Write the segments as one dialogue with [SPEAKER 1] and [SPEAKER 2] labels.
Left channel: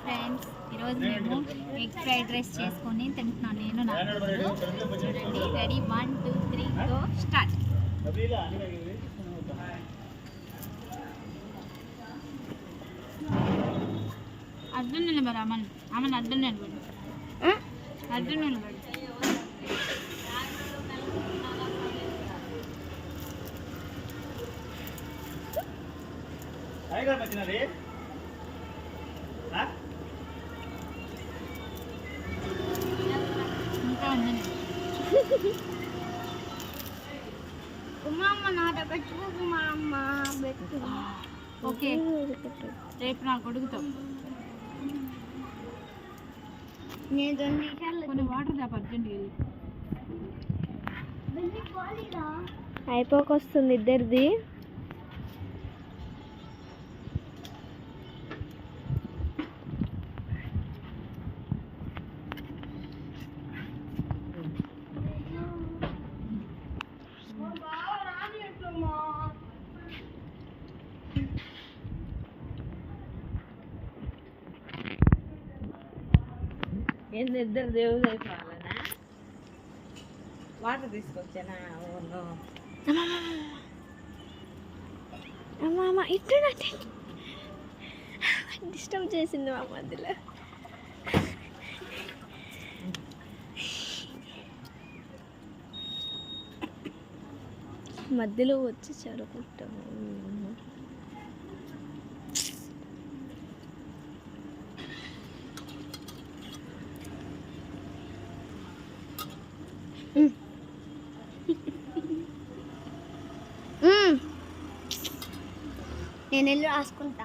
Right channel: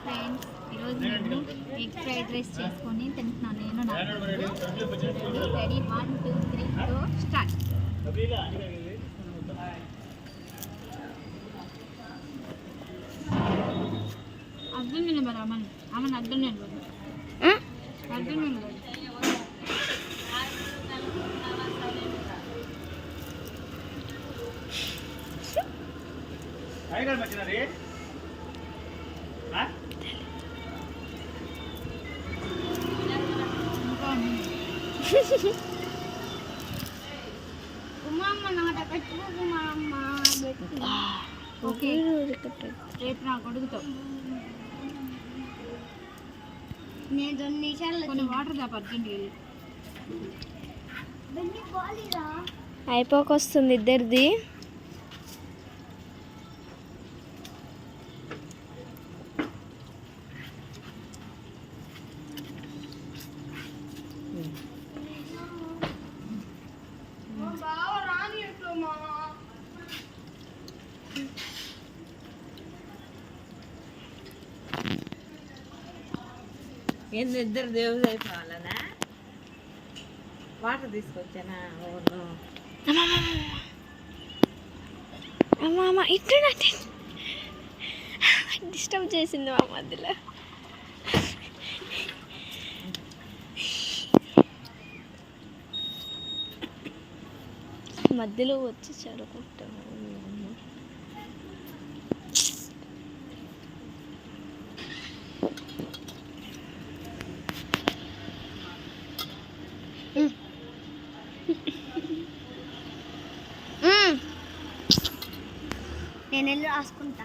[SPEAKER 1] Friends ఈరోజు మేము egg fried rice చేసుకొని తింటున్నాను నేను నా. చూడండి ready one two three go start Arjun నిలబడు అమ్మని అమ్మని అర్జున్ నిలబడు అర్జున్ నిలబడు ఇంకా ఉంది ఓకే. రేపు నా కొడుకుతో.
[SPEAKER 2] నేను రెండు నిమిషాలు
[SPEAKER 1] కొన్ని వాటర్ దాప అర్జెంట్
[SPEAKER 3] అయిపోకొస్తుంది ఇద్దరిది.
[SPEAKER 4] ఏంది ఇద్దరు దేవుడు అయిపోవాలనా వాటర్ తీసుకొచ్చానా? ఓను
[SPEAKER 3] అమ్మ ఇటు డిస్టర్బ్ చేసింది మా మధ్యలో. మధ్యలో వచ్చి చదువుకుంటాను
[SPEAKER 2] నేను వెళ్ళి రాసుకుంటా.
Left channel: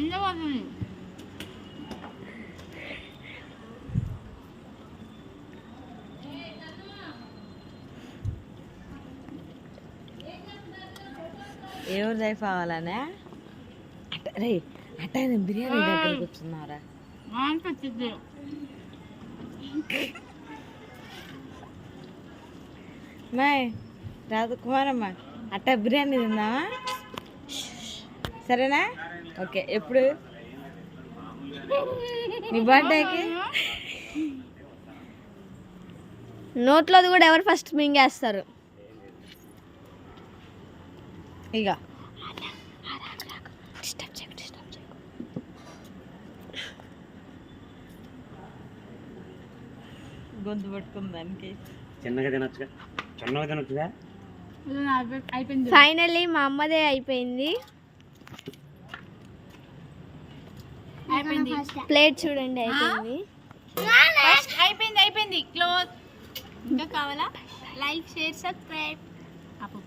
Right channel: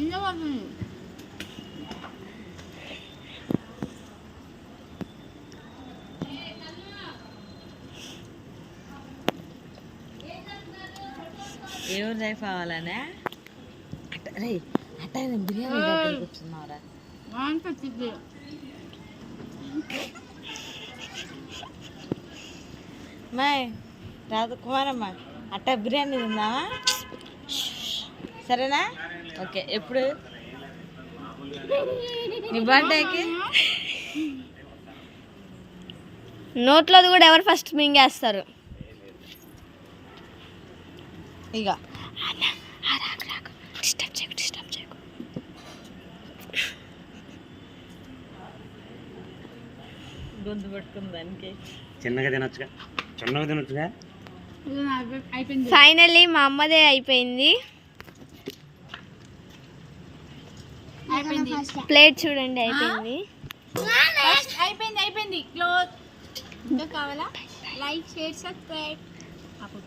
[SPEAKER 1] ఇంకా పోతుంది
[SPEAKER 4] ఎవరు అయిపోవాలనా అట్ట రే అట్ట బిర్యానీ దగ్గర కూర్చున్నారా
[SPEAKER 1] బాగుంటుంది
[SPEAKER 4] మాయ్ రాజకుమారమ్మ అట్ట బిర్యానీ తిందామా? సరేనా? ఓకే ఎప్పుడు? నీ బర్త్డేకి?
[SPEAKER 3] నోట్లోది కూడా ఎవరు ఫస్ట్ మింగేస్తారు
[SPEAKER 4] ఇక
[SPEAKER 3] డిస్టర్బ్ చేయకు డిస్టర్బ్ చేయకు.
[SPEAKER 4] గొంతు పట్టుకుంది దానికి.
[SPEAKER 5] చిన్నగా తినొచ్చుగా. చిన్నగా తినొచ్చుగా.
[SPEAKER 1] ఇది నా అయిపోయింది.
[SPEAKER 3] ఫైనల్లీ మా అమ్మదే అయిపోయింది.
[SPEAKER 1] అయిపోయింది.
[SPEAKER 3] ప్లేట్ చూడండి అయిపోయింది.
[SPEAKER 1] అయిపోయింది అయిపోయింది. క్లోజ్ ఇంకా కావాలా? లైక్ షేర్ సబ్స్క్రైబ్ అప్పుడు